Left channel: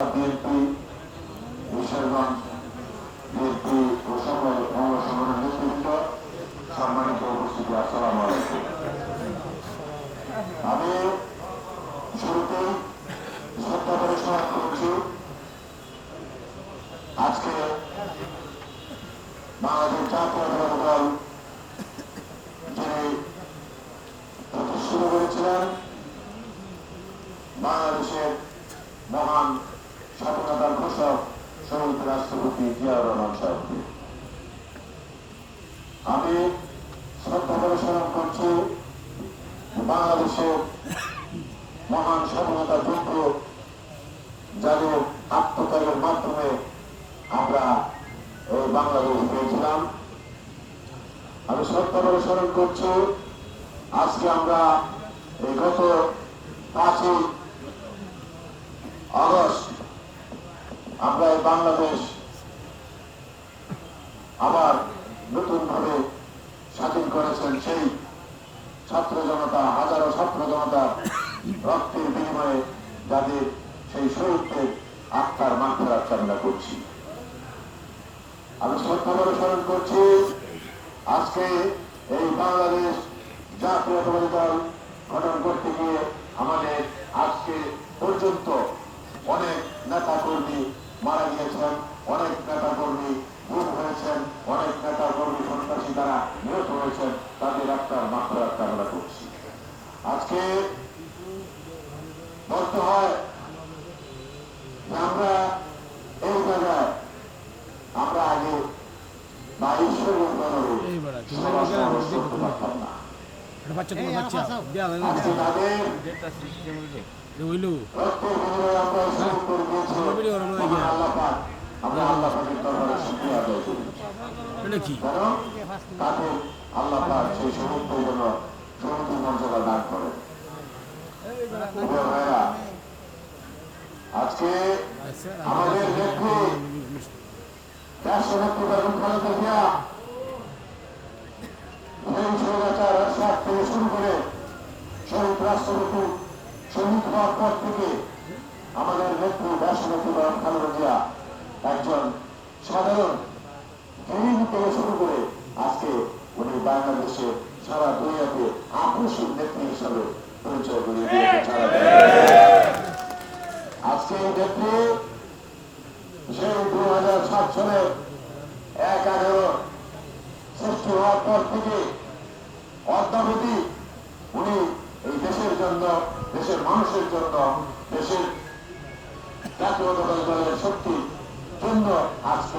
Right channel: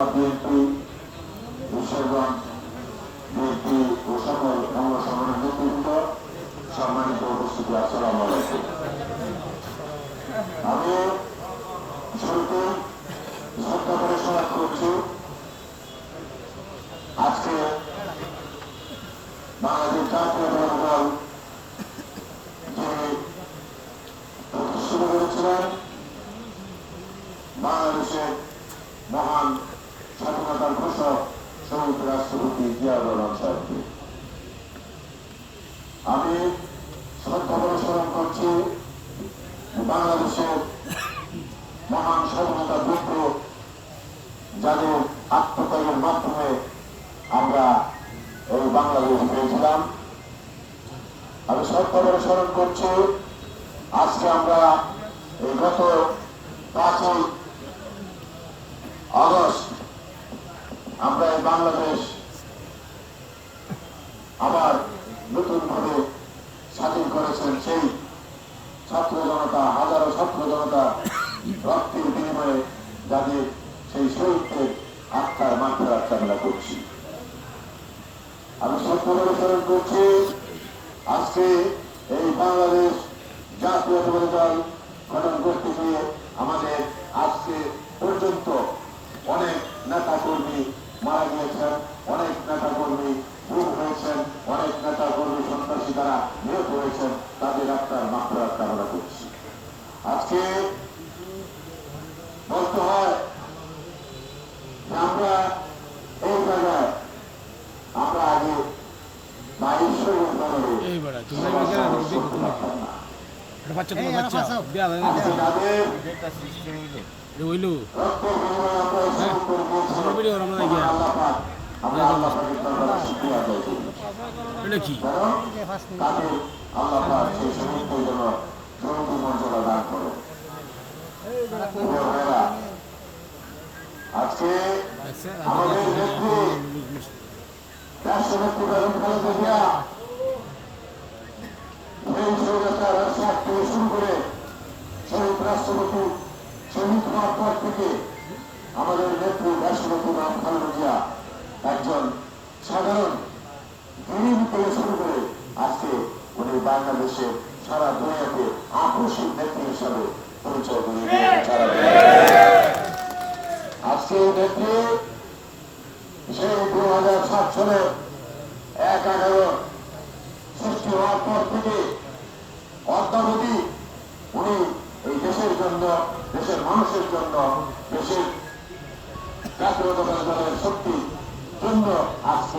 BNP Kishoreganj BNP ও সকল অঙ্গ সংগঠনের নেতৃত্ব, সম্মানিত উপস্থিতি, আসসালামু আলাইকুম। আমি শুরুতে শ্রদ্ধা করে স্মরণ করছি আজকে বাংলাদেশ জাতীয়তাবাদী দল যিনি প্রতিষ্ঠিত করেছিলেন বাংলাদেশের মহান স্বাধীনতার ঘোষক শহীদ রাষ্ট্রপতি জিয়াউর রহমান সাহেবকে। আমি শ্রদ্ধা করে স্মরণ করছি বাংলাদেশের মহান স্বাধীনতা যুদ্ধ যাদের আত্মত্যাগের মাধ্যমে আমরা এই বাংলাদেশ পেয়েছিলাম। আমি শ্রদ্ধা করে স্মরণ করছি আজকে আমরা এই গত 5ই আগস্ট আমরা এই বাংলাদেশ আবার নতুন ভাবে স্বাধীন করেছেন সেই ছাত্র জনতা, হাজারো ছাত্র জনতা রক্তের বিনিময়ে যাদের সেই শহীদদের আত্মার মাগফিরাত কামনা করছি। আমি শ্রদ্ধা করে স্মরণ করছি আজকে এই বাংলাদেশ জাতীয়তাবাদী দল গঠন করতে গিয়ে আমাদের আজকে পর্যন্ত অনেক নেতা কর্মী মারা গিয়েছেন, অনেক নেতা কর্মী গুম হয়েছেন, অনেক নেতা কর্মী সন্ত্রাসী দ্বারা নিহত হয়েছেন, তাদের আত্মার মাগফিরাত কামনা করছি। আজকে বলতে হয় আমরা এই জায়গায় আমরা আগে 22 আজকে আমাদের নেত্রী রাষ্ট্রনেত্রী বেগম খালেদা জিয়া থেকে শুরু করে শহীদ রাষ্ট্রপতি শহীদ হওয়ার পর থেকে আমাদের নেত্রী রাষ্ট্রপতি বেগম খালেদা জিয়া একজন সাধারণ গরিব থেকে শুরু করে আজকে উনি বাংলাদেশে সারা দুনিয়াতে আকর্ষণ নেত্রী হিসাবে পরিচয় করে আজকে এই নেত্রী সেই 2007 সালে 1/11 সৃষ্টি হওয়ার পর থেকে অদ্যাবধি উনি এই দেশের জন্য, দেশের মানুষের জন্য, দেশের জাতীয়তাবাদী দলের শক্তির জন্য আজকে